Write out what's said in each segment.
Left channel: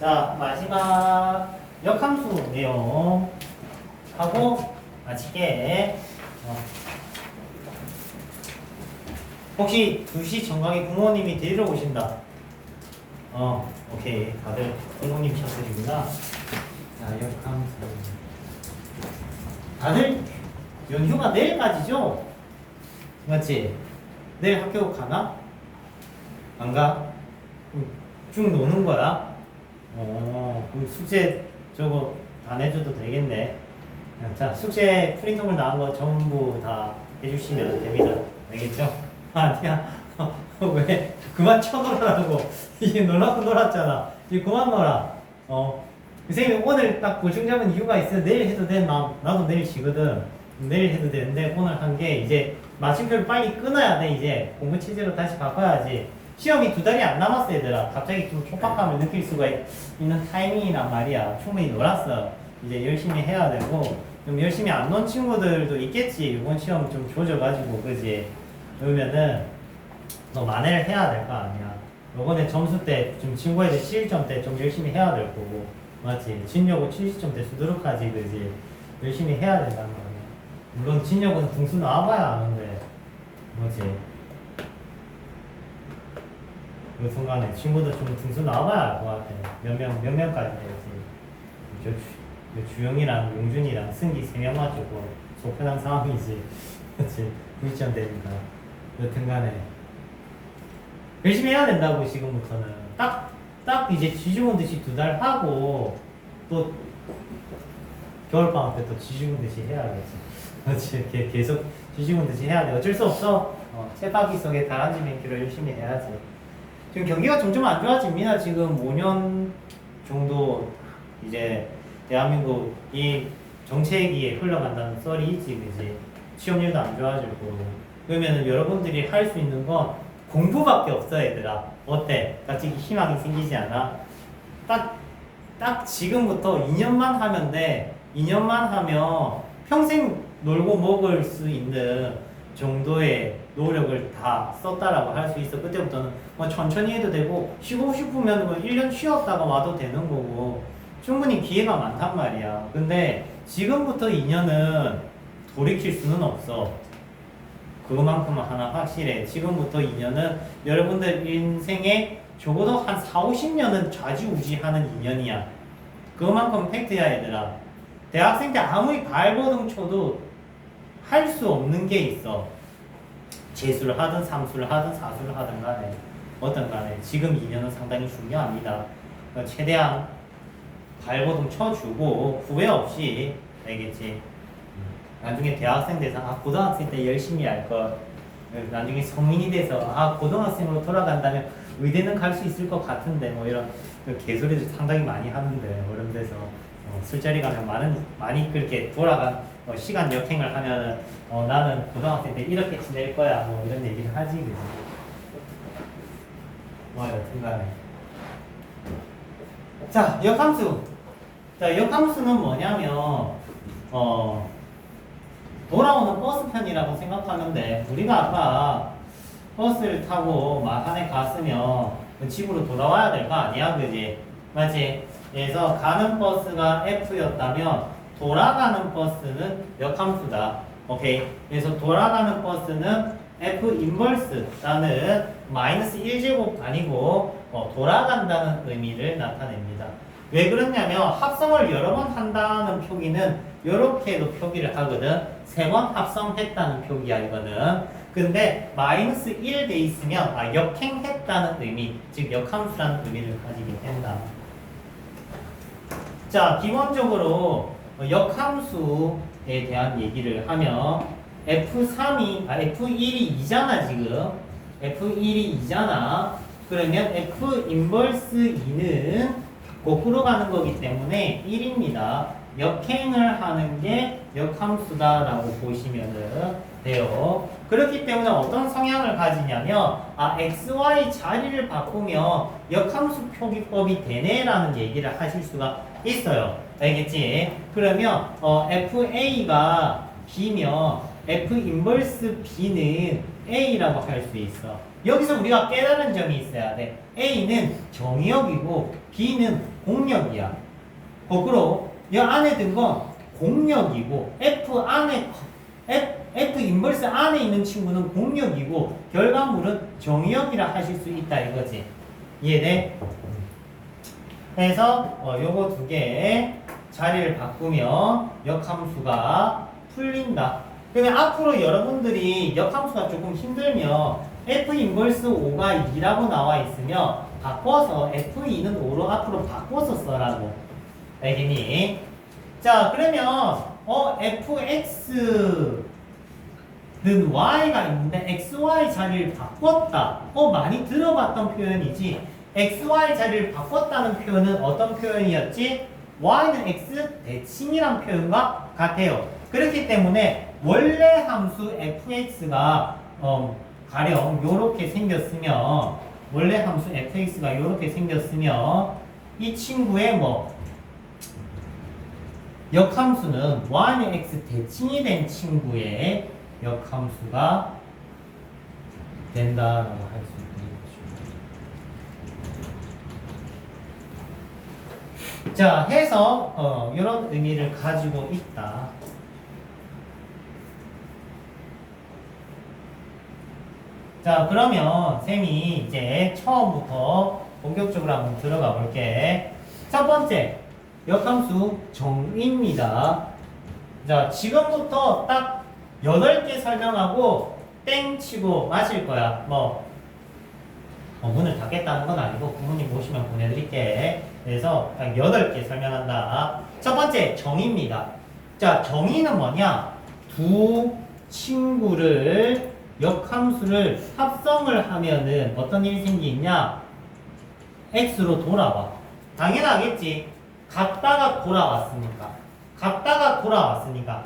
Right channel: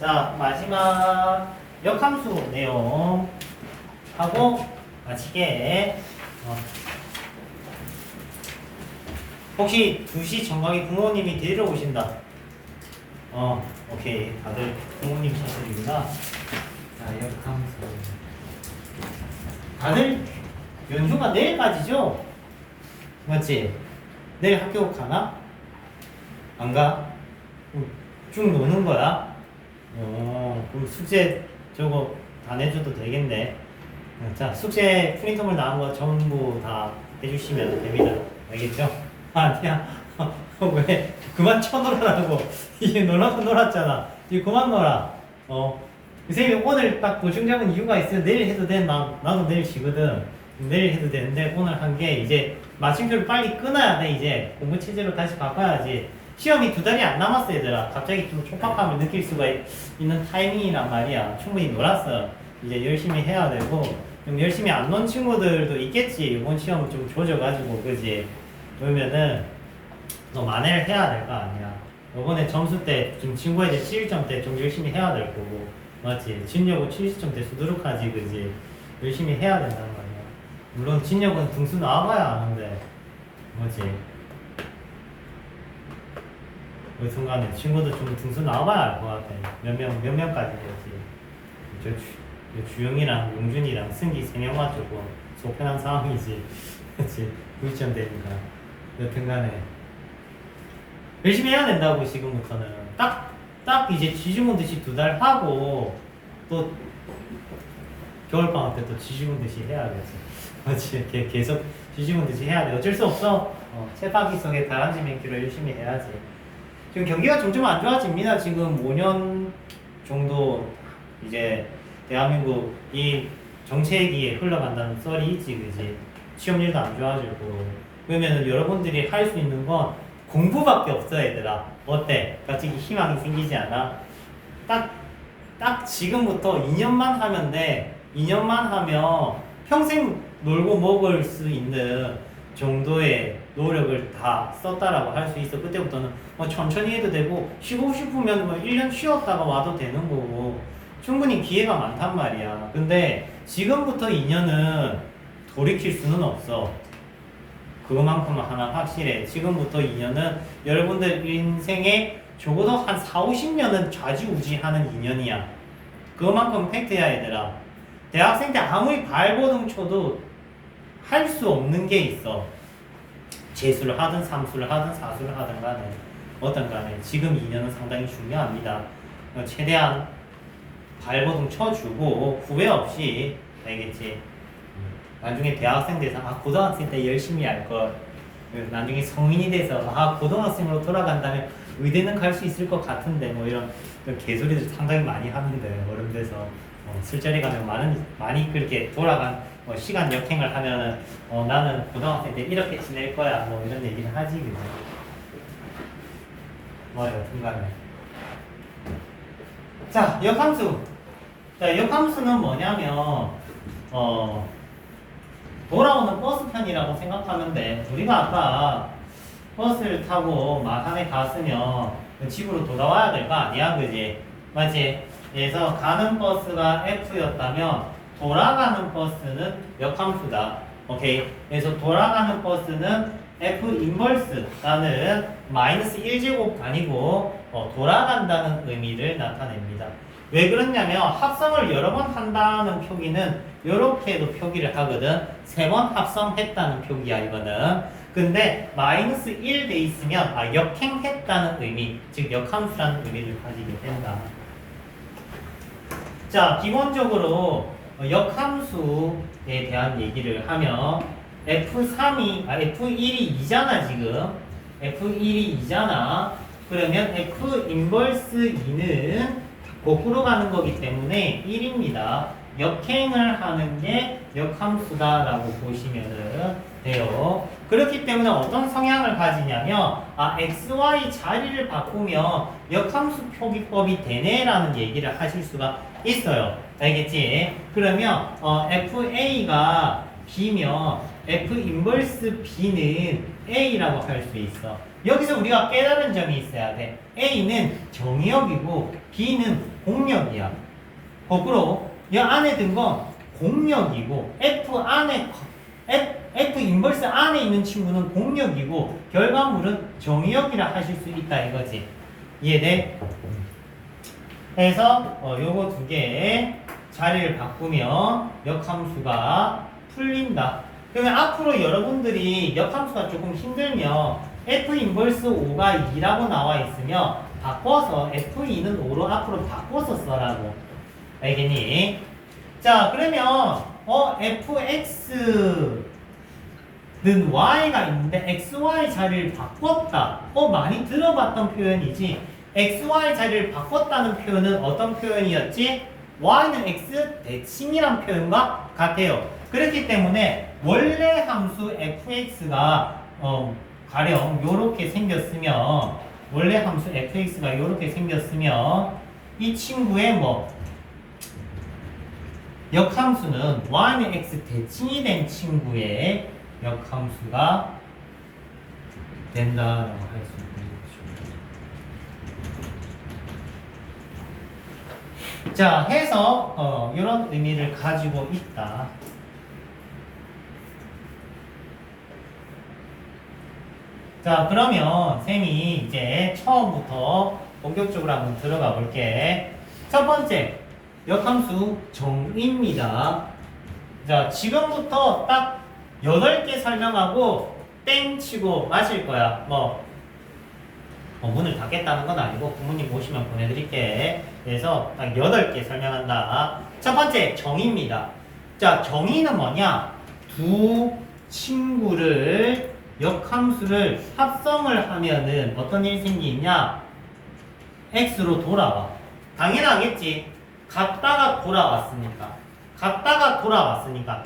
자, 마지막 역함수 내용 하고 마치게. 혹시 2시 정각에 부모님이 데리러 오신다. 오케이. 다들 부모님 셔틀입니다. 자, 역함수. 다들 연휴가 내일까지죠? 맞지? 내일 학교 가나? 안 가? 쭉 노는 거야? 그럼 숙제 저거 다 내줘도 되겠네. 자, 숙제 프린트물 나온 거 전부 다 해주시면 됩니다. 알겠죠? 아니야. 왜? 그만 쳐놀으라고. 이게 놀라고 놀았잖아. 이제 그만 놀아. 선생님이 오늘 딱 보충적인 이유가 있어요. 내일 해도 돼. 나도 내일 쉬거든. 내일 해도 되는데 오늘 한 게 이제 마침표를 빨리 끊어야 돼. 이제 공부 체제로 다시 바꿔야지. 시험이 2달이 안 남았어 얘들아. 갑자기 좀 촉박함을 느낄 수가 있는 타이밍이란 말이야. 충분히 놀았어. 이제 열심히 해야 되고, 좀 열심히 안 논 친구들도 있겠지. 이번 시험 좀 조져가지고 그지. 그러면은 너 만회를 해야 될 거 아니야. 이번에 점수 때 좀 친구에 대해 7점 때 좀 열심히 해야 될 거고, 맞지? 진여고 70점 때 수두룩 하지 그지. 열심히 해야 된다는 거 아니야. 물론 진여고는 등수 나와봐야 아는데, 맞지? 그 순간에 친구들 좀 등수 나와봐야 알 것 같아. 몇 명까지 되지. 주영이랑 용준이랑 승기 3명만 조금 속편한 상황이지. 그치? 9점 되니까. 여튼 간에. 열심히 해야 된다고, 지금부터는. 딱 이제 지지문 듯이 2달 하고, 또 겨울방학 때 또 지지문 듯이 해야겠지. 그렇지. 계속 지지문 듯이 해야 돼. 어쩔 수 없어. 세바퀴 속에 다람쥐 맨키로 열심히 해야지. 지금 경기가 점점 안 좋아집니다. 지금 5년 정도 이제 대한민국 이 정체기에 흘러간다는 썰이 있지, 그지? 취업률도 안 좋아지고. 그러면은 여러분들이 할 수 있는 건 공부밖에 없어, 얘들아. 어때? 갑자기 희망이 생기지 않아? 딱 지금부터 2년만 하면 돼. 2년만 하면 평생 놀고 먹을 수 있는 정도의 노력을 다 썼다라고 할 수 있어. 그때부터는 천천히 해도 되고, 쉬고 싶으면 1년 쉬었다가 와도 되는 거고, 충분히 기회가 많단 말이야. 근데 지금부터 2년은 돌이킬 수는 없어. 그것만큼은 하나 확실해. 지금부터 2년은 여러분들 인생에 적어도 한 4, 50년은 좌지우지하는 2년이야. 그것만큼 팩트야, 얘들아. 대학생 때 아무리 발버둥 쳐도 할 수 없는 게 있어. 재수를 하든 삼수를 하든 사수를 하든 간에 어떤 간에 지금 2년은 상당히 중요합니다. 최대한 발버둥 쳐주고 후회 없이, 알겠지? 나중에 대학생 돼서 고등학생 때 열심히 할걸, 나중에 성인이 돼서 고등학생으로 돌아간다면 의대는 갈 수 있을 것 같은데 이런 개소리들 상당히 많이 하는데, 어른돼서 술자리 가면 많이 그렇게 돌아간 시간 역행을 하면은 나는 고등학생 때 이렇게 지낼 거야 이런 얘기를 하지, 그지? 여튼간에. 자, 역함수. 자, 역함수는 뭐냐면 돌아오는 버스편이라고 생각하면 돼. 우리가 아까 버스를 타고 마산에 갔으면 집으로 돌아와야 될 거 아니야, 그지? 맞지? 그래서 가는 버스가 F였다면 돌아가는 버스는 역함수다. 오케이? 그래서 돌아가는 버스는 F 인버스라는 마이너스 1제곱 아니고 돌아간다는 의미를 나타냅니다. 왜 그러냐면 합성을 여러 번 한다는 표기는 이렇게도 표기를 하거든. 3번 합성했다는 표기야, 이거는. 근데 마이너스 1 돼 있으면 역행했다는 의미, 즉 역함수라는 의미를 가지게 된다. 자, 기본적으로 역함수에 대한 얘기를 하면 F1이 2잖아, 지금. F1이 2잖아. 그러면 F 인버스 2는 거꾸로 가는 거기 때문에 1입니다. 역행을 하는 게 역함수다라고 보시면 돼요. 그렇기 때문에 어떤 성향을 가지냐면 XY 자리를 바꾸면 역함수 표기법이 되네라는 얘기를 하실 수가 있어요. 알겠지? 그러면 FA가 B면 F 인버스 B는 A라고 할 수 있어. 여기서 우리가 깨달은 점이 있어야 돼. A는 정의역이고 B는 공역이야. 거꾸로 이 안에 든 건 공역이고 F 인버스 안에 있는 친구는 공역이고 결과물은 정의역이라 하실 수 있다 이거지. 이해돼? 그래서 요거 두 개의 자리를 바꾸면 역함수가 풀린다. 그러면 앞으로 여러분들이 역함수가 조금 힘들면 F 인버스 5가 2라고 나와 있으면 바꿔서 F2는 5로 앞으로 바꿔서 써라고. 알겠니? 자, 그러면 fx는 y가 있는데 xy 자리를 바꿨다. 많이 들어봤던 표현이지. xy 자리를 바꿨다는 표현은 어떤 표현이었지? y는 x 대칭이란 표현과 같아요. 그렇기 때문에 원래 함수 fx가 가령 요렇게 생겼으면 원래 함수 fx가 요렇게 생겼으면 이 친구의 역함수는 y는 x 대칭이 된 친구의 역함수가 된다라고 할 수 있는 거죠. 자, 해서 이런 의미를 가지고 있다. 자, 그러면 쌤이 이제 처음부터 본격적으로 한번 들어가 볼게. 첫 번째, 역함수 정의입니다. 자, 지금부터 딱 8개 설명하고 땡 치고 마실 거야. 문을 닫겠다는 건 아니고 부모님 오시면 보내드릴게. 그래서 딱 8개 설명한다. 첫 번째, 정의입니다. 자, 정의는 뭐냐? 두 친구를 역함수를 합성을 하면은 어떤 일이 생기냐? x로 돌아와. 당연하겠지. 갔다가 돌아왔으니까.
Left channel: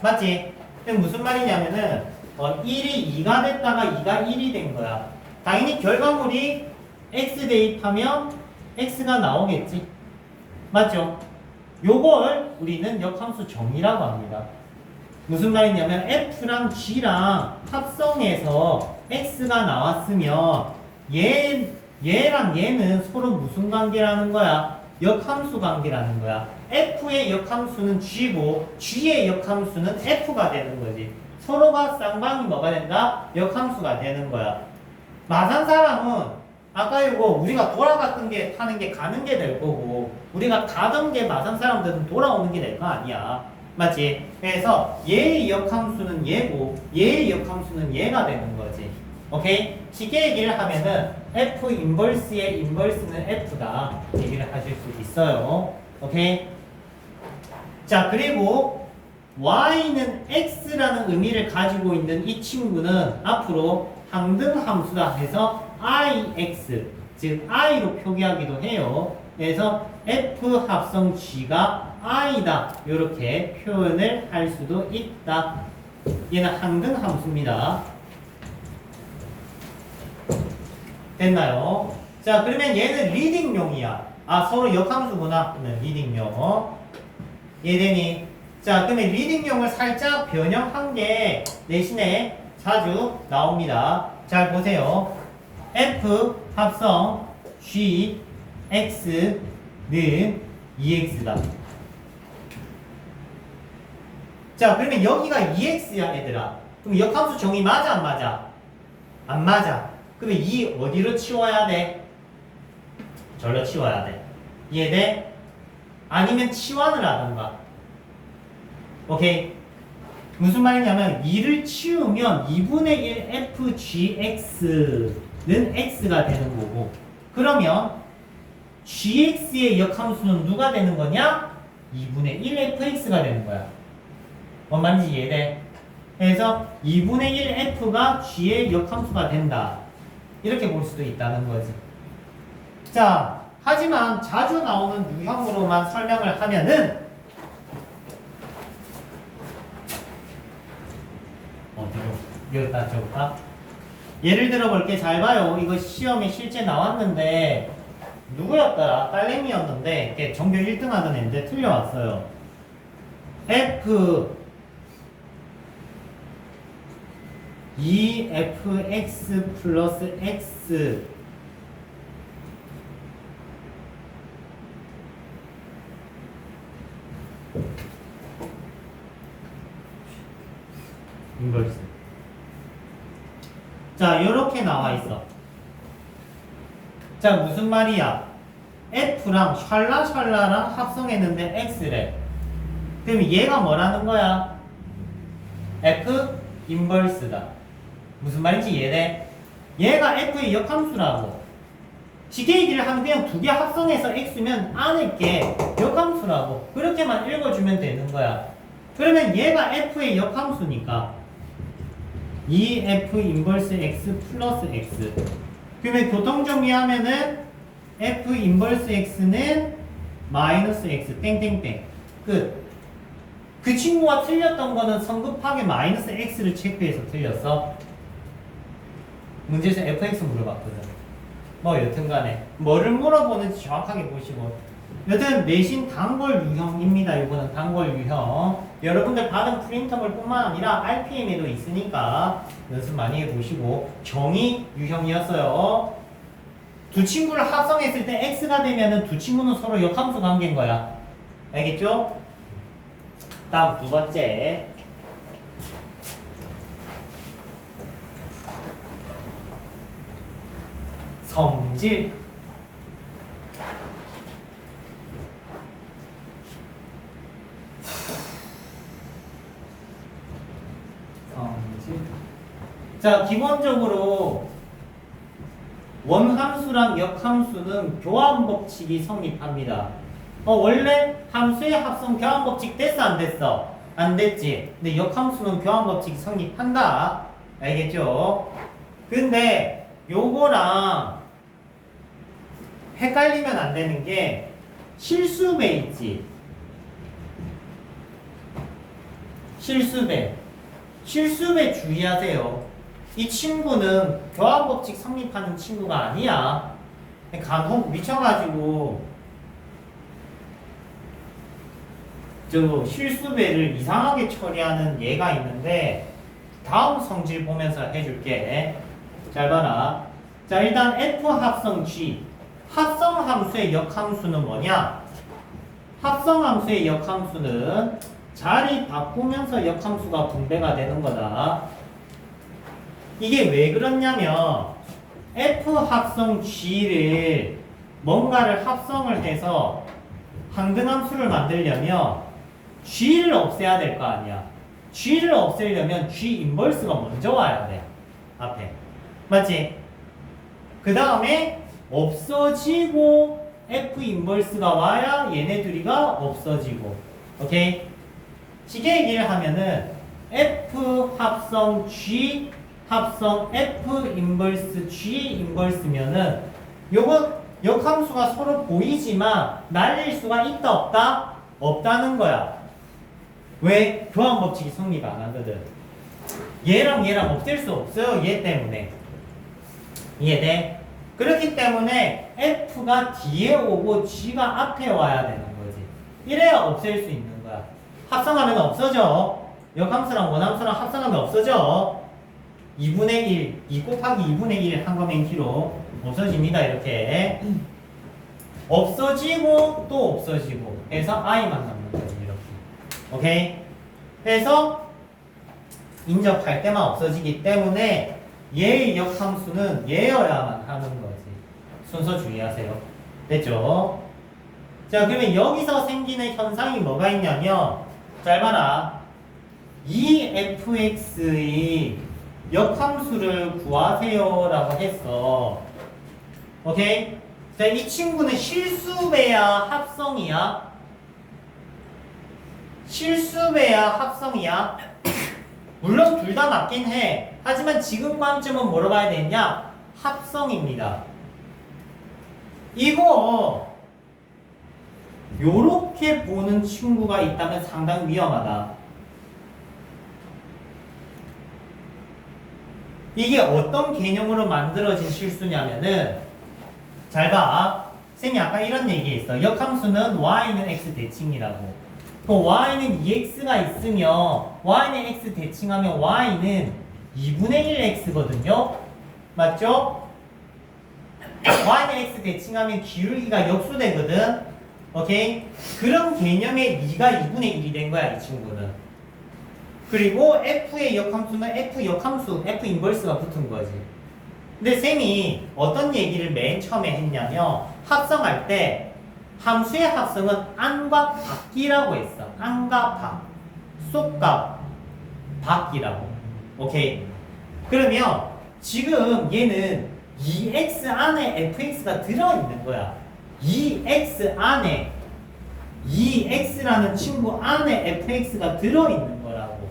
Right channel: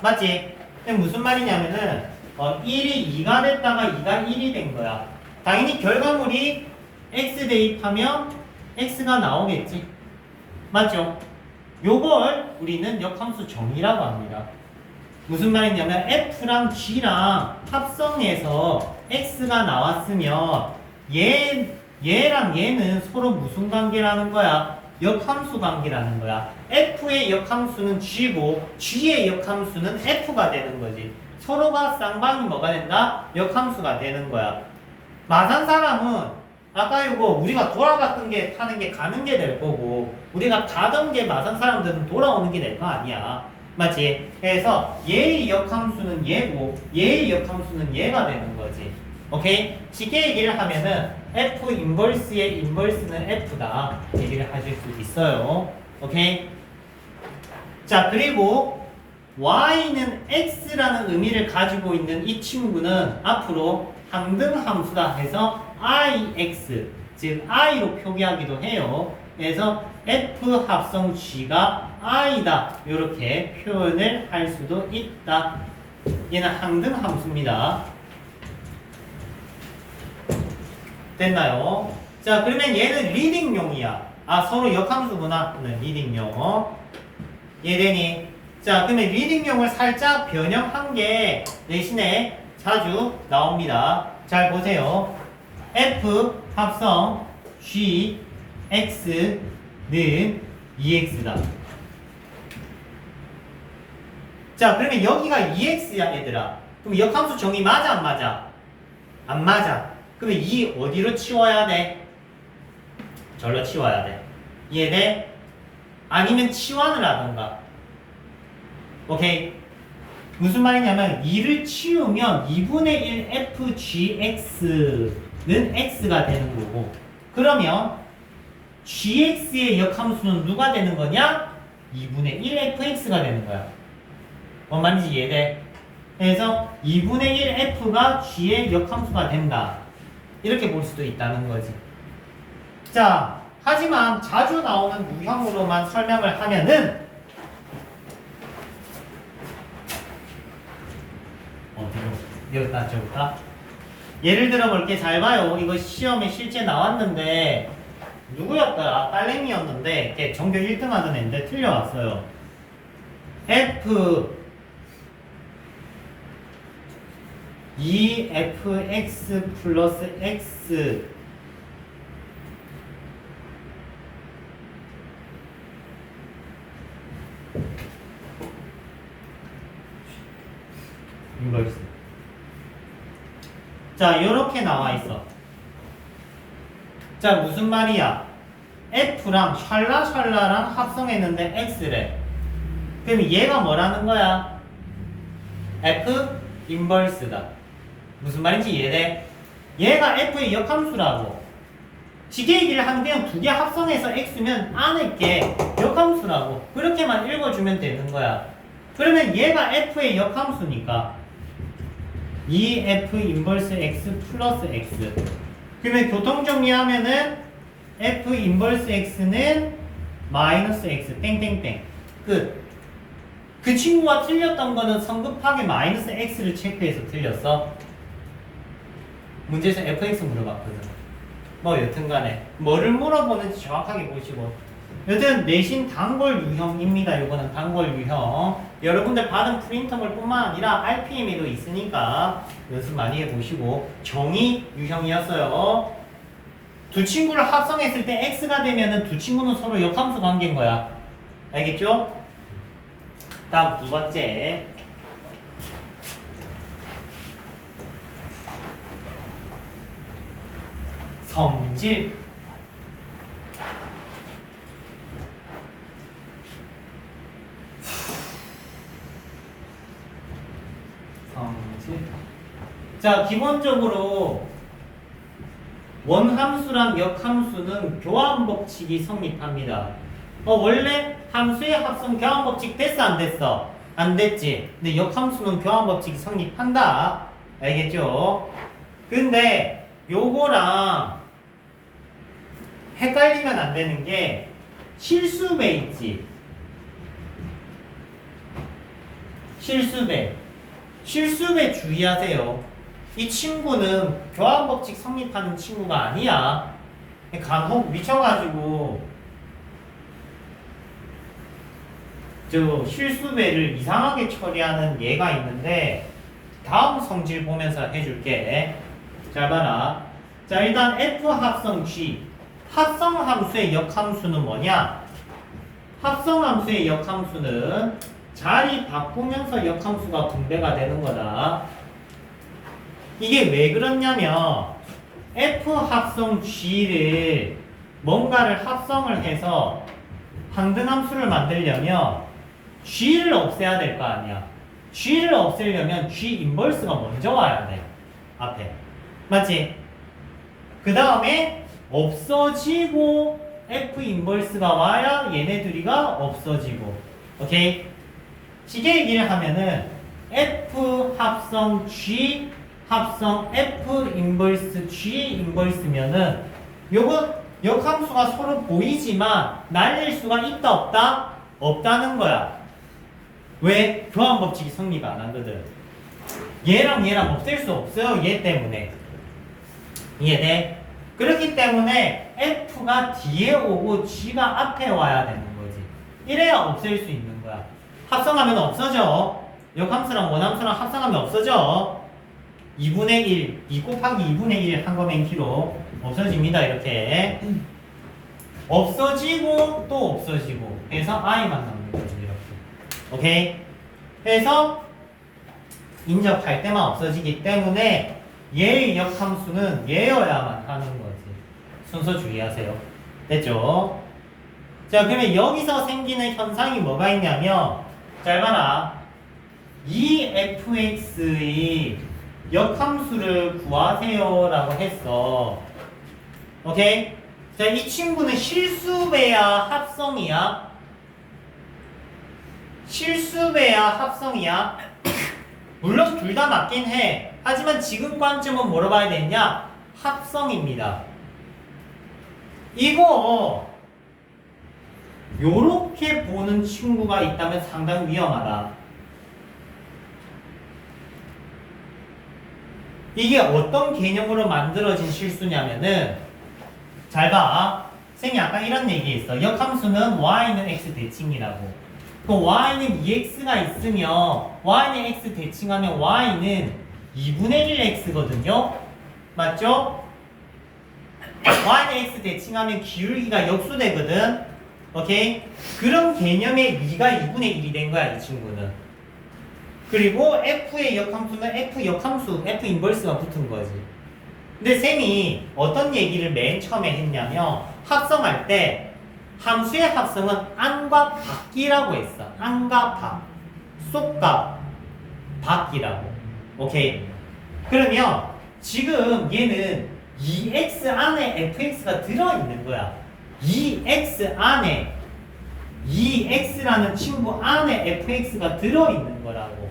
맞지? 무슨 말이냐면은 1이 2가 됐다가 2가 1이 된 거야. 당연히 결과물이 x 대입하면 x가 나오겠지. 맞죠? 요걸 우리는 역함수 정의라고 합니다. 무슨 말이냐면 f랑 g랑 합성해서 x가 나왔으면 얘랑 얘는 서로 무슨 관계라는 거야? 역함수 관계라는 거야. f의 역함수는 g고 g의 역함수는 f가 되는 거지. 서로가 쌍방이 뭐가 된다? 역함수가 되는 거야. 마산 사람은 아까 이거 우리가 돌아갔던 게 타는 게 가는 게 될 거고 우리가 가던 게 마산 사람들은 돌아오는 게 될 거 아니야. 맞지? 그래서 얘의 역함수는 얘고 얘의 역함수는 얘가 되는 거지. 오케이? 쉽게 얘기를 하면은 F 인버스의 인버스는 F다 얘기를 하실 수 있어요. 오케이? 자, 그리고 Y는 X라는 의미를 가지고 있는 이 친구는 앞으로 항등함수다 해서 IX, 즉 I로 표기하기도 해요. 그래서 F 합성 G가 I다 이렇게 표현을 할 수도 있다. 얘는 항등함수입니다. 됐나요? 자, 그러면 얘는 리딩용이야. 서로 역함수구나. 리딩용. 얘되니? 자, 그러면 리딩용을 살짝 변형한 게 대신에 자주 나옵니다. 잘 보세요. F 합성 G X는 EX다. 자, 그러면 여기가 EX야, 얘들아. 그럼 역함수 정의 맞아, 안 맞아? 안 맞아. 그러면 이 어디로 치워야 돼? 절로 치워야 돼. 이해돼? 아니면 치환을 하던가. 오케이? 무슨 말이냐면 2를 치우면 2분의 1 FGX는 X가 되는 거고 그러면 GX의 역함수는 누가 되는 거냐? 2분의 1 FX가 되는 거야. 뭔 말인지 이해돼? 그래서 2분의 1 F가 G의 역함수가 된다. 이렇게 볼 수도 있다는 거지. 자, 하지만 자주 나오는 유형으로만 설명을 하면은 여기다 적을까? 예를 들어 볼게. 잘 봐요. 이거 시험에 실제 나왔는데 누구였더라? 딸내미였는데 걔 전교 1등 하던 애인데 틀려왔어요. F 2fx 플러스 x 인버스. 자, 요렇게 나와 있어. 자, 무슨 말이야? F랑 샬라샬라랑 합성했는데 X래. 그럼 얘가 뭐라는 거야? F 인버스다. 무슨 말인지 이해돼? 얘가 F의 역함수라고. 지게이기를 한 그냥 두 개 합성해서 X면 안에 게 역함수라고. 그렇게만 읽어주면 되는 거야. 그러면 얘가 F의 역함수니까 2F 인버스 X 플러스 X. 그러면 교통정리하면은 F 인버스 X는 마이너스 X 땡땡땡 끝. 그 친구가 틀렸던 거는 성급하게 마이너스 X를 체크해서 틀렸어. 문제에서 FX 물어봤거든. 뭐 여튼간에 뭐를 물어보는지 정확하게 보시고. 여튼 내신 단골 유형입니다. 이거는 단골 유형. 여러분들 받은 프린터물 뿐만 아니라 RPM에도 있으니까 연습 많이 해보시고. 정의 유형이었어요. 두 친구를 합성했을 때 X가 되면은 두 친구는 서로 역함수 관계인 거야. 알겠죠? 다음 두 번째. 성질. 성질. 자, 기본적으로 원함수랑 역함수는 교환법칙이 성립합니다. 원래 함수의 합성 교환법칙 됐어 안 됐어? 안 됐지. 근데 역함수는 교환법칙이 성립한다. 알겠죠? 근데 요거랑 헷갈리면 안 되는 게 실수배 있지. 실수배 주의하세요. 이 친구는 교환법칙 성립하는 친구가 아니야. 간혹 미쳐가지고 저 실수배를 이상하게 처리하는 얘가 있는데 다음 성질 보면서 해줄게. 잘 봐라. 자, 일단 F 합성 G. 합성함수의 역함수는 뭐냐? 합성함수의 역함수는 자리 바꾸면서 역함수가 분배가 되는 거다. 이게 왜 그렇냐면 F 합성 G를 뭔가를 합성을 해서 항등함수를 만들려면 G를 없애야 될 거 아니야. G를 없애려면 G 인버스가 먼저 와야 돼. 앞에. 맞지? 그 다음에 없어지고 F 인버스가 와야 얘네들이가 없어지고. 오케이? 시계 얘기를 하면은 F 합성 G 합성 F 인버스 G 인버스면은 요거 역함수가 서로 보이지만 날릴 수가 있다 없다? 없다는 거야. 왜? 교환법칙이 성립 안 하거든. 얘랑 얘랑 없앨 수 없어요. 얘 때문에. 이해돼? 그렇기 때문에 F가 뒤에 오고 G가 앞에 와야 되는 거지. 이래야 없앨 수 있는 거야. 합성하면 없어져. 역함수랑 원함수랑 합성하면 없어져. 2분의 1, 2 곱하기 2분의 1 한 거면 K로 없어집니다. 이렇게. 없어지고 또 없어지고 해서 I만 남는 거지. 이렇게. 오케이? 해서 인접할 때만 없어지기 때문에 얘의 역함수는 얘여야만 하는 거지. 순서 주의하세요. 됐죠? 자, 그러면 여기서 생기는 현상이 뭐가 있냐면 잘 봐라. 이 fx의 역함수를 구하세요 라고 했어. 오케이? 자, 이 친구는 실수배야 합성이야? 실수배야 합성이야? 물론 둘 다 맞긴 해. 하지만 지금 관점은 뭐로 봐야 되냐? 합성입니다. 이거 요렇게 보는 친구가 있다면 상당히 위험하다. 이게 어떤 개념으로 만들어진 실수냐면은 잘 봐. 쌤이 아까 이런 얘기했어. 역함수는 y는 x 대칭이라고. 그 y는 2x가 있으면 y는 x 대칭하면 y는 2분의 1 x거든요. 맞죠? y는 x 대칭하면 기울기가 역수되거든. 오케이? 그런 개념의 2가 2분의 1이 된 거야, 이 친구는. 그리고 f의 역함수는 f 역함수, f 인버스가 붙은 거지. 근데 쌤이 어떤 얘기를 맨 처음에 했냐면 합성할 때 함수의 합성은 안과 밖이라고 했어. 안과 밖, 속과 밖이라고. 오케이? 그러면 지금 얘는 2x 안에 fx가 들어있는 거야. 2x 안에 2x라는 친구 안에 fx가 들어있는 거라고.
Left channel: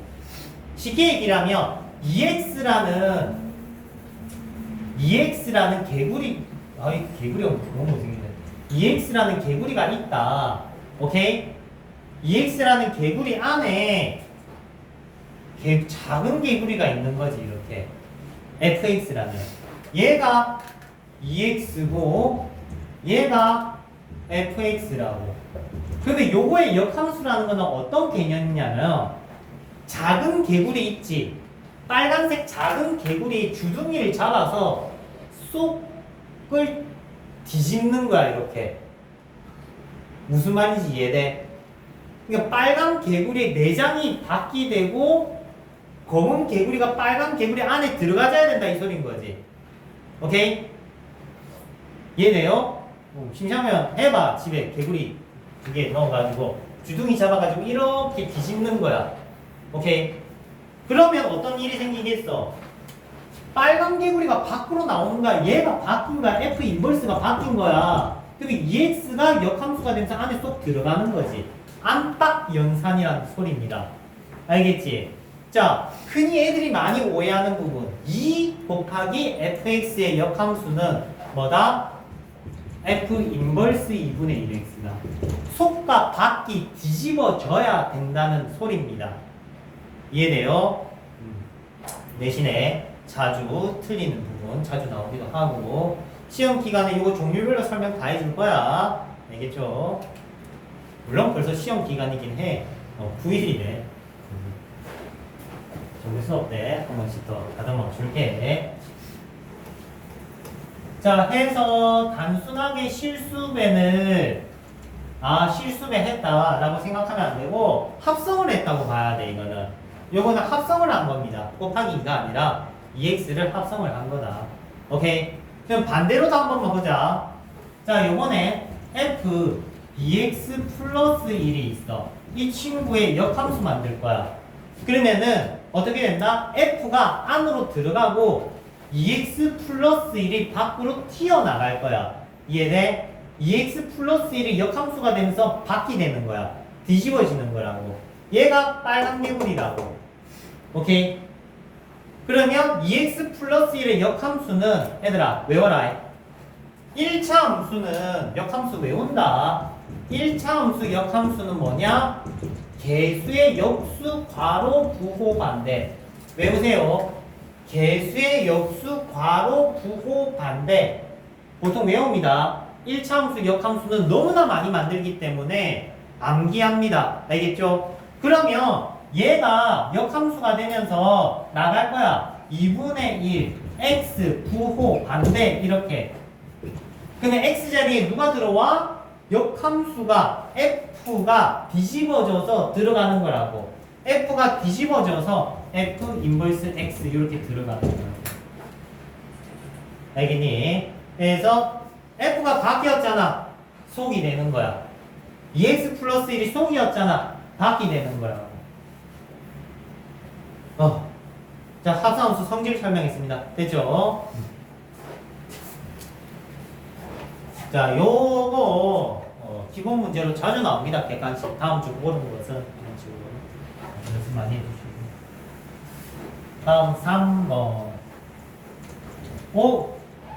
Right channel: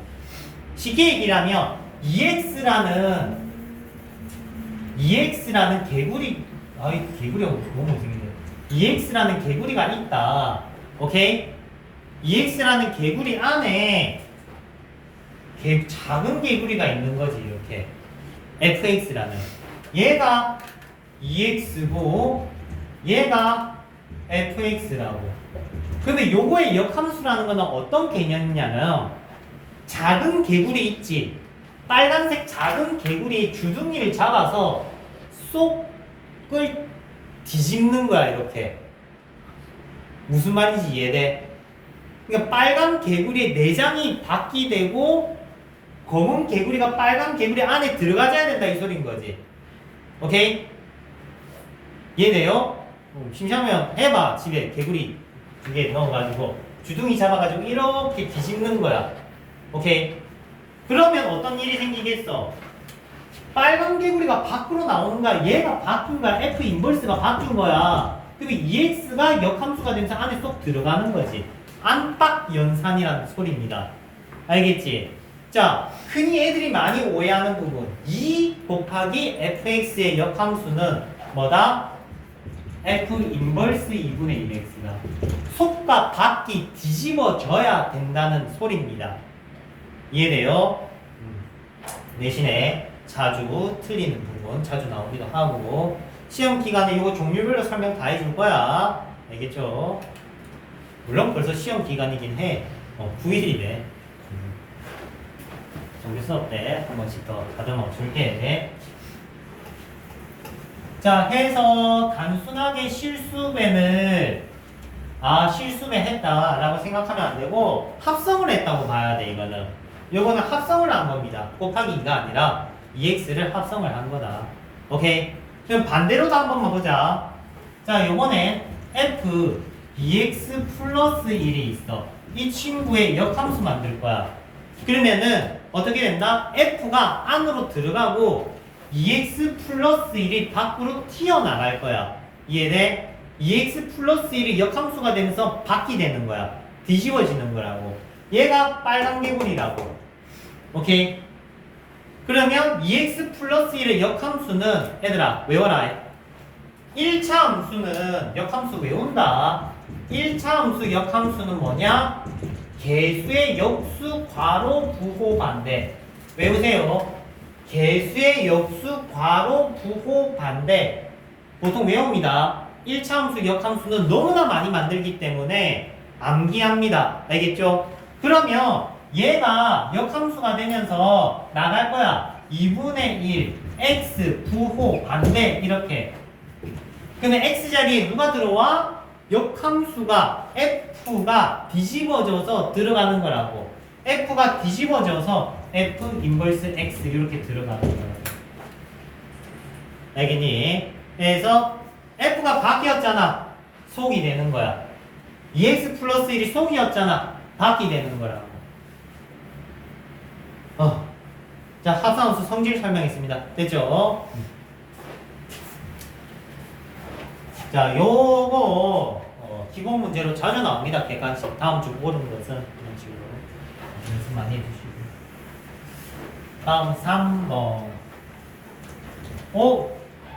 쉽게 얘기하면 2x라는 개구리, 아이 개구리가 너무 못생겼네. 2x라는 개구리가 있다. 오케이? 2x라는 개구리 안에 작은 개구리가 있는 거지, 이렇게. fx라는. 얘가 2x고, 얘가 fx라고. 근데 요거의 역함수라는 거는 어떤 개념이냐면, 작은 개구리 있지? 빨간색 작은 개구리 주둥이를 잡아서 속을 뒤집는 거야, 이렇게. 무슨 말인지 이해돼? 그러니까 빨간 개구리의 내장이 밖이 되고 검은 개구리가 빨간 개구리 안에 들어가줘야 된다, 이 소린 거지. 오케이? 이해돼요? 심심하면 해봐. 집에 개구리 2개 넣어가지고 주둥이 잡아가지고 이렇게 뒤집는 거야. 오케이? 그러면 어떤 일이 생기겠어? 빨간 개구리가 밖으로 나오는 거야. 얘가 바뀐 거야. F 인버스가 바뀐 거야. 그럼 EX가 역함수가 되면서 안에 쏙 들어가는 거지. 안팎 연산이라는 소리입니다. 알겠지? 자, 흔히 애들이 많이 오해하는 부분. 2 곱하기 fx의 역함수는 뭐다? F 인버스 2분의 1x다. 속과 밖이 뒤집어져야 된다는 소리입니다. 이해돼요? 대신에 자주 틀리는 부분 자주 나오기도 하고 시험 기간에 이거 종류별로 설명 다 해줄 거야. 알겠죠? 물론 벌써 시험 기간이긴 해. 9일이네. 정규 수업 때 한 번씩 더 다듬어 줄게. 자, 해서 단순하게 실수배는 실수배 했다라고 생각하면 안 되고 합성을 했다고 봐야 돼. 요거는 합성을 한 겁니다. 곱하기 2가 아니라 2x를 합성을 한 거다. 오케이? 그럼 반대로도 한 번만 보자. 자, 요번에 f 2x 플러스 1이 있어. 이 친구의 역함수 만들 거야. 그러면은 어떻게 된다? f가 안으로 들어가고 2x 플러스 1이 밖으로 튀어나갈 거야. 이해돼? 2x 플러스 1이 역함수가 되면서 밖이 되는 거야. 뒤집어지는 거라고. 얘가 빨간 개구리라고. 오케이? 그러면 2x 플러스 1의 역함수는 얘들아 외워라. 1차 함수는 역함수 외운다. 1차 함수 역함수는 뭐냐? 개수의 역수 괄호 부호 반대. 외우세요. 개수의 역수 괄호 부호 반대. 보통 외웁니다. 1차 함수 역함수는 너무나 많이 만들기 때문에 암기합니다. 알겠죠? 그러면 얘가 역함수가 되면서 나갈 거야. 2분의 1 x 부호 반대 이렇게. 그러면 x 자리에 누가 들어와? 역함수가 f가 뒤집어져서 들어가는 거라고. f가 뒤집어져서 f 인버스 x 이렇게 들어가는 거야. 알겠니? 그래서 f가 밖이었잖아. 속이 되는 거야. 2x 플러스 1이 속이었잖아. 밖이 되는 거라고. 자, 합성함수 성질 설명했습니다. 됐죠? 자, 요거 기본 문제로 자주 나옵니다. 객관식. 다음 주 모든 것은 이런 식으로 연습 많이 해주시고. 다음 3번.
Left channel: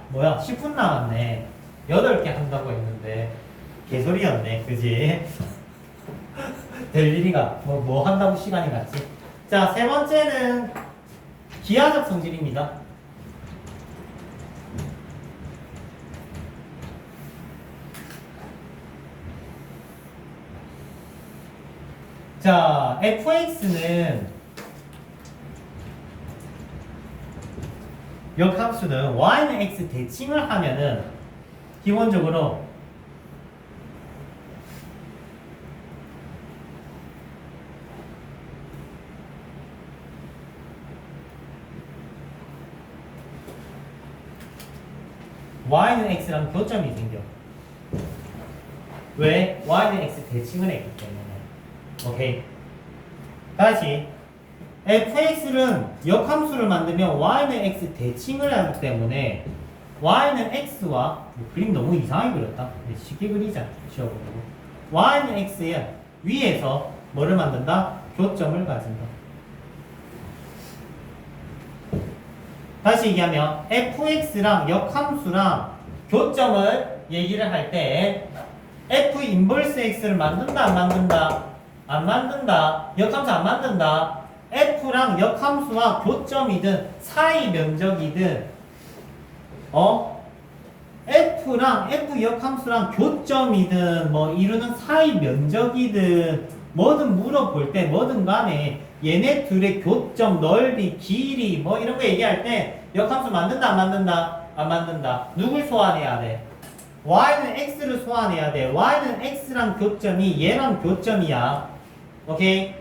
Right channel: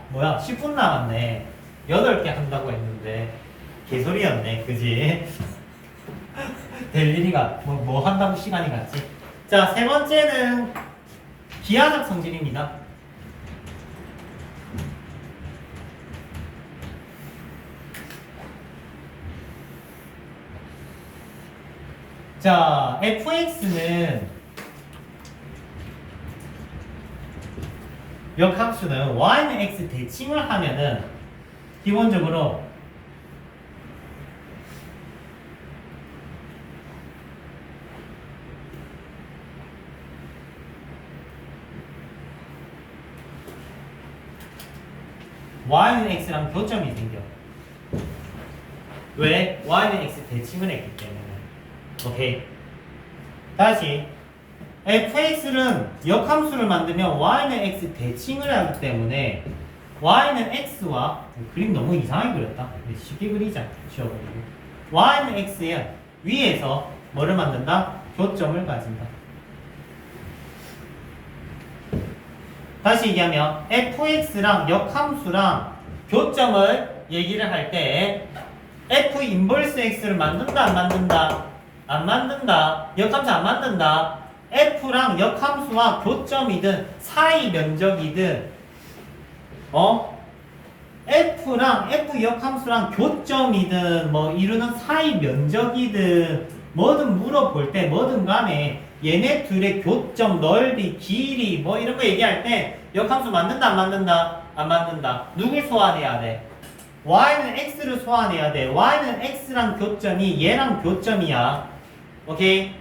뭐야? 10분 남았네. 8개 한다고 했는데 개소리였네. 그지? 될 일이가 뭐 한다고 시간이 갔지? 자, 세 번째는 기하적 성질입니다. 자, fx는 역함수는 y는 x 대칭을 하면은 기본적으로 y는 x랑 교점이 생겨. 왜? y는 x 대칭을 했기 때문에. 오케이. 다시 fx는 역함수를 만들면 y는 x 대칭을 하기 때문에 y는 x와 그림 너무 이상하게 그렸다. 쉽게 그리자. 지워버리고 y는 x에 위에서 뭐를 만든다? 교점을 가진다. 다시 얘기하면 fx랑 역함수랑 교점을 얘기를 할 때 f 인버스 x를 만든다 안 만든다? 안 만든다. 역함수 안 만든다. f랑 역함수와 교점이든 사이 면적이든 f랑 f 역함수랑 교점이든 뭐 이루는 사이 면적이든 뭐든 물어볼 때 뭐든 간에 얘네 둘의 교점, 넓이, 길이 뭐 이런 거 얘기할 때 역함수 만든다 안 만든다? 안 만든다. 누굴 소환해야 돼? y는 x를 소환해야 돼. y는 x랑 교점이 얘랑 교점이야. 오케이?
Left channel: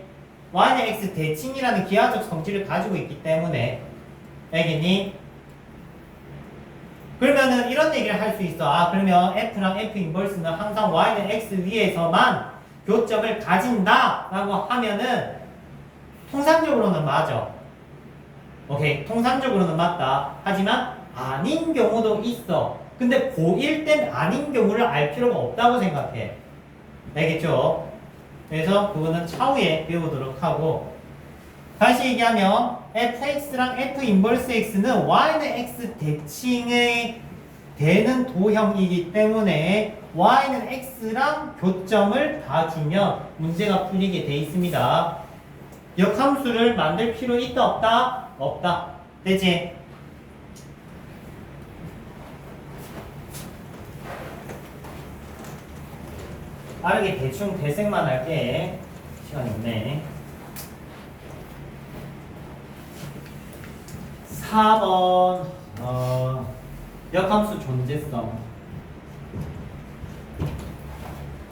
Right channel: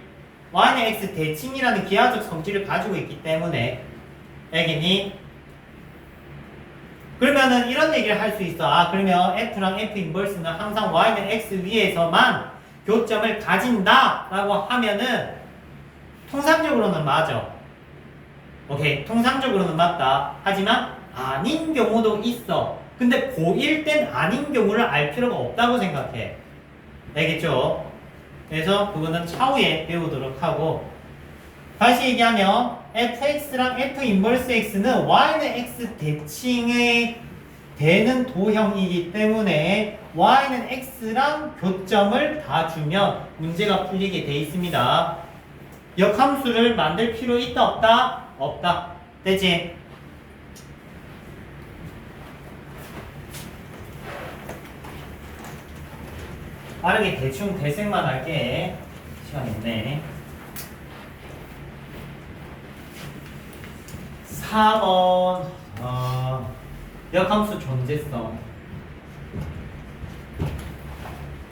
y는 x 대칭이라는 기하적 성질을 가지고 있기 때문에 알겠니? 그러면은 이런 얘기를 할 수 있어. 아 그러면 f랑 f 인버스는 항상 y는 x 위에서만 교점을 가진다 라고 하면은 통상적으로는 맞아. 오케이, 통상적으로는 맞다. 하지만 아닌 경우도 있어. 근데 고1 땐 아닌 경우를 알 필요가 없다고 생각해. 알겠죠? 그래서 그거는 차후에 배우도록 하고, 다시 얘기하면 fx랑 f 인버스 x는 y는 x 대칭이 되는 도형이기 때문에 y는 x랑 교점을 봐주면 문제가 풀리게 돼 있습니다. 역함수를 만들 필요 있다 없다? 없다. 되지? 빠르게 대충 대생만 할게. 시간 있네. 4번 역함수 존재성.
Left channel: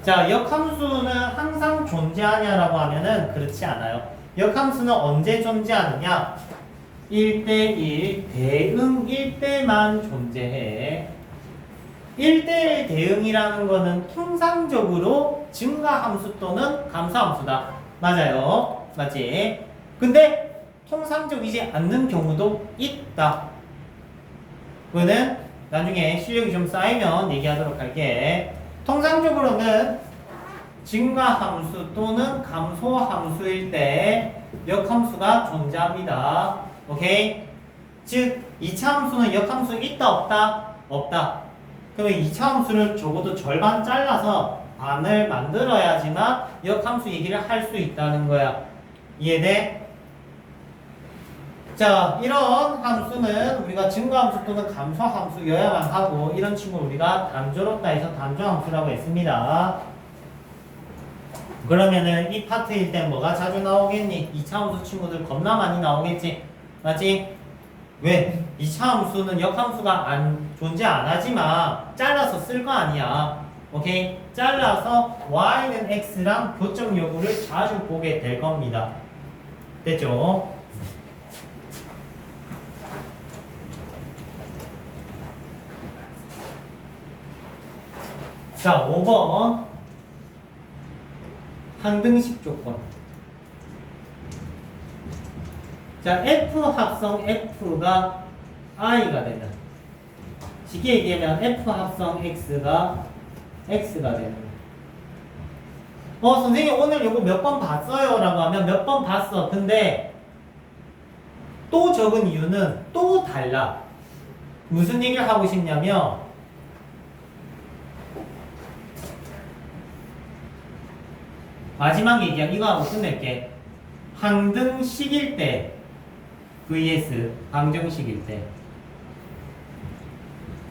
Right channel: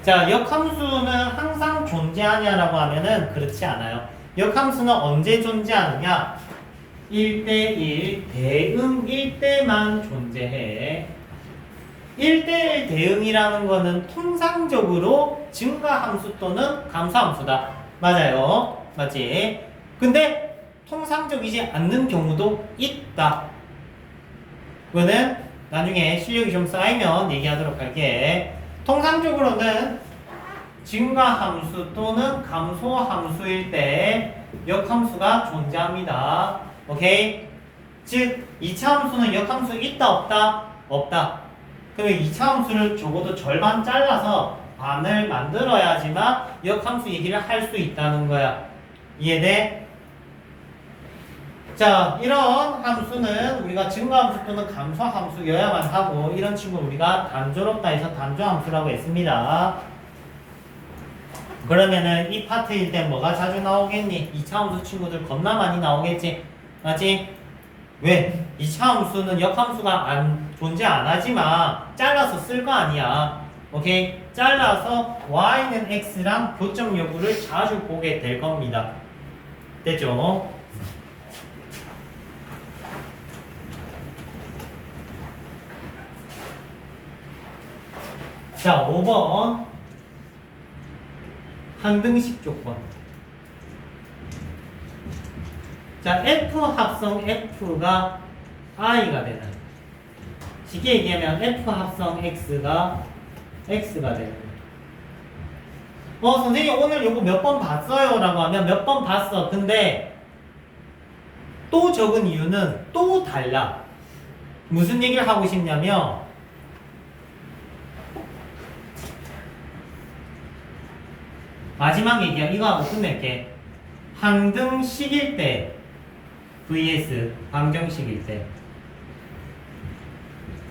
자, 역함수는 항상 존재하냐라고 하면은 그렇지 않아요. 역함수는 언제 존재하느냐? 1대1 대응일 때만 존재해. 1대1 대응이라는 거는 통상적으로 증가함수 또는 감소함수다. 맞아요. 맞지? 근데 통상적이지 않는 경우도 있다. 그거는 나중에 실력이 좀 쌓이면 얘기하도록 할게. 통상적으로는 증가함수 또는 감소함수일 때 역함수가 존재합니다. 오케이? 즉 2차 함수는 역함수 있다 없다? 없다. 그러면 2차 함수를 적어도 절반 잘라서 반을 만들어야지만 역함수 얘기를 할 수 있다는 거야. 이해돼? 자, 이런 함수는 우리가 증가함수 또는 감소함수여야만 하고, 이런 친구는 우리가 단조롭다 해서 단조함수라고 했습니다. 그러면은 이 파트일 때 뭐가 자주 나오겠니? 2차 함수 친구들 겁나 많이 나오겠지? 맞지? 왜? 2차 함수는 역함수가 존재 안 하지만 잘라서 쓸 거 아니야. 오케이? 잘라서 y는 x랑 교점 여부를 자주 보게 될 겁니다. 됐죠? 자, 5번 항등식 조건. 자, F 합성 F가 I가 되는, 쉽게 얘기하면 F 합성 X가 X가 되는. 선생님 오늘 요거 몇 번 봤어요? 라고 하면 몇 번 봤어. 근데 또 적은 이유는 또 달라. 무슨 얘기를 하고 싶냐면, 마지막 얘기야. 이거 하고 끝낼게. 항등식일 때 vs 방정식일 때,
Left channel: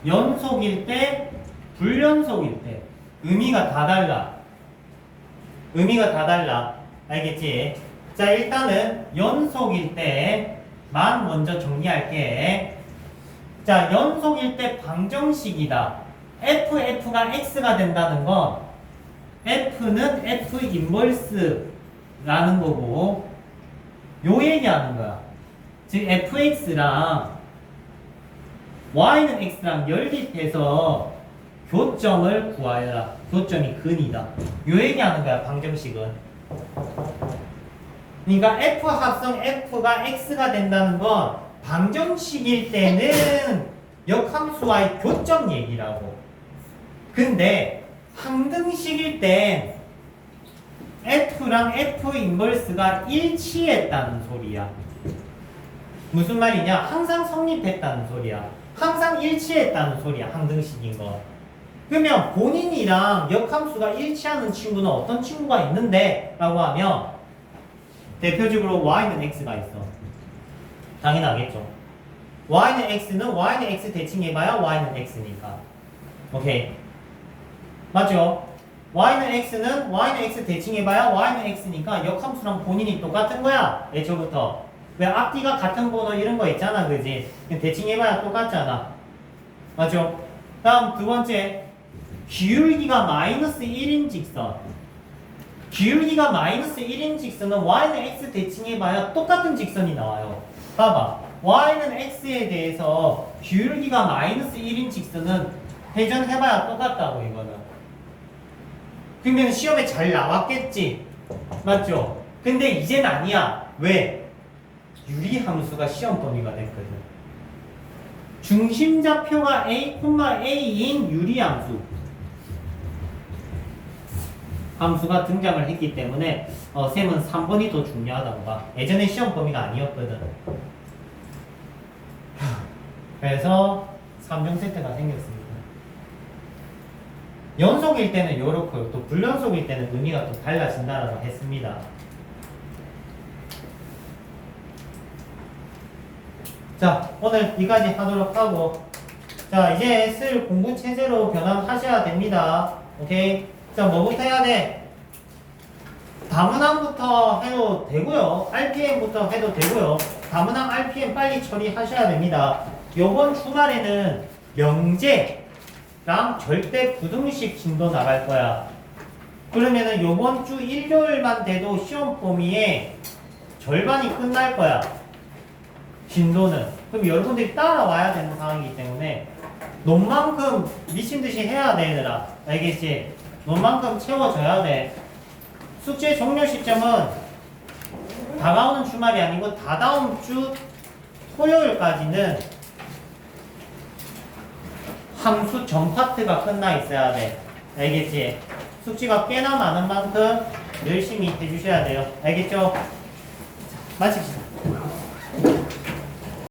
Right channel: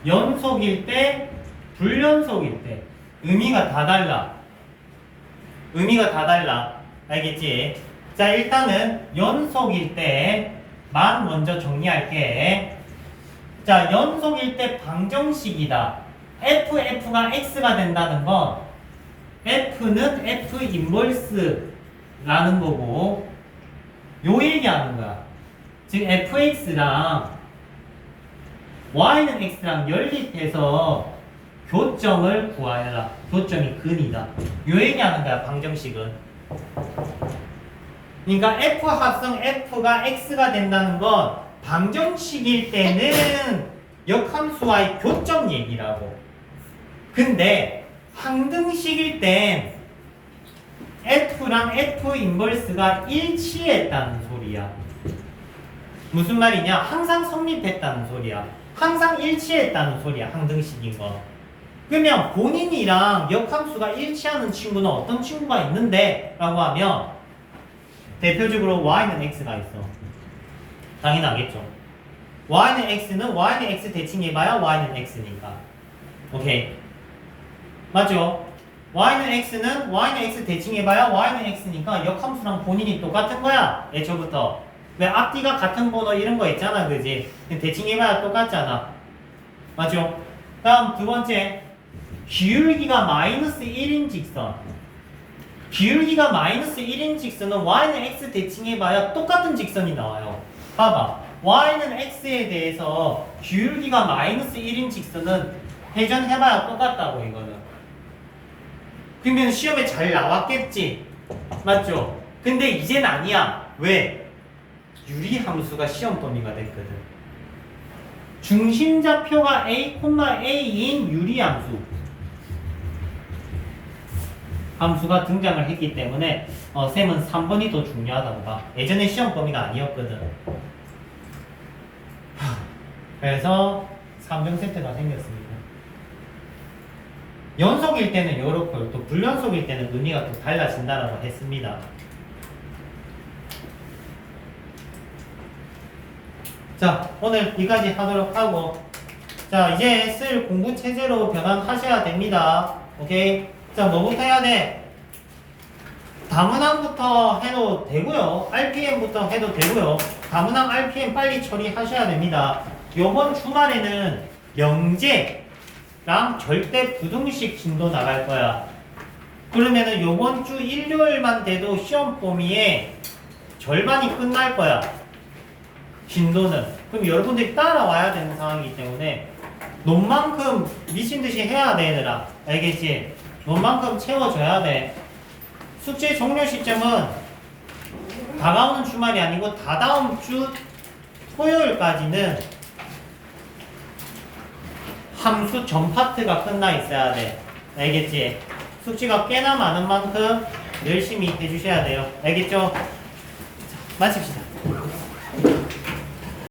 연속일 때 불연속일 때 의미가 다 달라. 의미가 다 달라. 알겠지? 자, 일단은 연속일 때만 먼저 정리할게. 자, 연속일 때 방정식이다. f가 x가 된다는 건 f는 f 인버스라는 거고 요 얘기하는 거야. 즉 fx랑 y는 x랑 연립해서 교점을 구하여라. 교점이 근이다. 요 얘기하는 거야, 방정식은. 그러니까 f 합성 f가 x가 된다는 건 방정식일 때는 역함수와의 교점 얘기라고. 근데 항등식일 땐 f랑 f 인버스가 일치했다는 소리야. 무슨 말이냐? 항상 성립했다는 소리야. 항상 일치했다는 소리야. 항등식인 거. 그러면 본인이랑 역함수가 일치하는 친구는 어떤 친구가 있는데? 라고 하면 대표적으로 y는 x가 있어. 당연하겠죠. y는 x는 y는 x 대칭해봐야 y는 x니까. 오케이. 맞죠? y는 x 대칭해봐야 y는 x니까 역함수랑 본인이 똑같은 거야. 애초부터. 왜 앞뒤가 같은 번호 이런 거 있잖아, 그지? 대칭해봐야 똑같잖아. 맞죠? 다음 두 번째. 기울기가 마이너스 1인 직선. 기울기가 마이너스 1인 직선은 y는 x 대칭해봐야 똑같은 직선이 나와요. 봐봐. y는 x에 대해서 기울기가 마이너스 1인 직선은 회전해봐야 똑같다고, 이거는. 그러면 시험에 잘 나왔겠지? 맞죠? 근데 이젠 아니야. 왜? 유리함수가 시험 범위가 됐거든. 중심좌표가 a,a인 유리함수 함수가 등장을 했기 때문에 쌤은 3번이 더 중요하다고 봐. 예전에 시험 범위가 아니었거든. 그래서 3점 세트가 생겼습니다. 연속일 때는 이렇고요. 또 불연속일 때는 의미가 또 달라진다라고 했습니다. 자, 오늘 여기까지 하도록 하고, 자, 이제 쓸 공부 체제로 변환하셔야 됩니다. 오케이? 자, 뭐부터 해야 돼? 다문항부터 해도 되고요. RPM부터 해도 되고요. 다문항 RPM 빨리 처리하셔야 됩니다. 요번 주말에는 영재랑 절대 부등식 진도 나갈 거야. 그러면은 요번 주 일요일만 돼도 시험 범위에 절반이 끝날 거야. 진도는. 그럼 여러분들이 따라와야 되는 상황이기 때문에 논만큼 미친 듯이 해야 돼, 얘들아. 알겠지? 논만큼 채워줘야 돼. 숙제 종료 시점은 다가오는 주말이 아니고 다다음 주 토요일까지는 함수 전 파트가 끝나 있어야 돼. 알겠지? 숙제가 꽤나 많은 만큼 열심히 해주셔야 돼요. 알겠죠? 자, 마칩시다.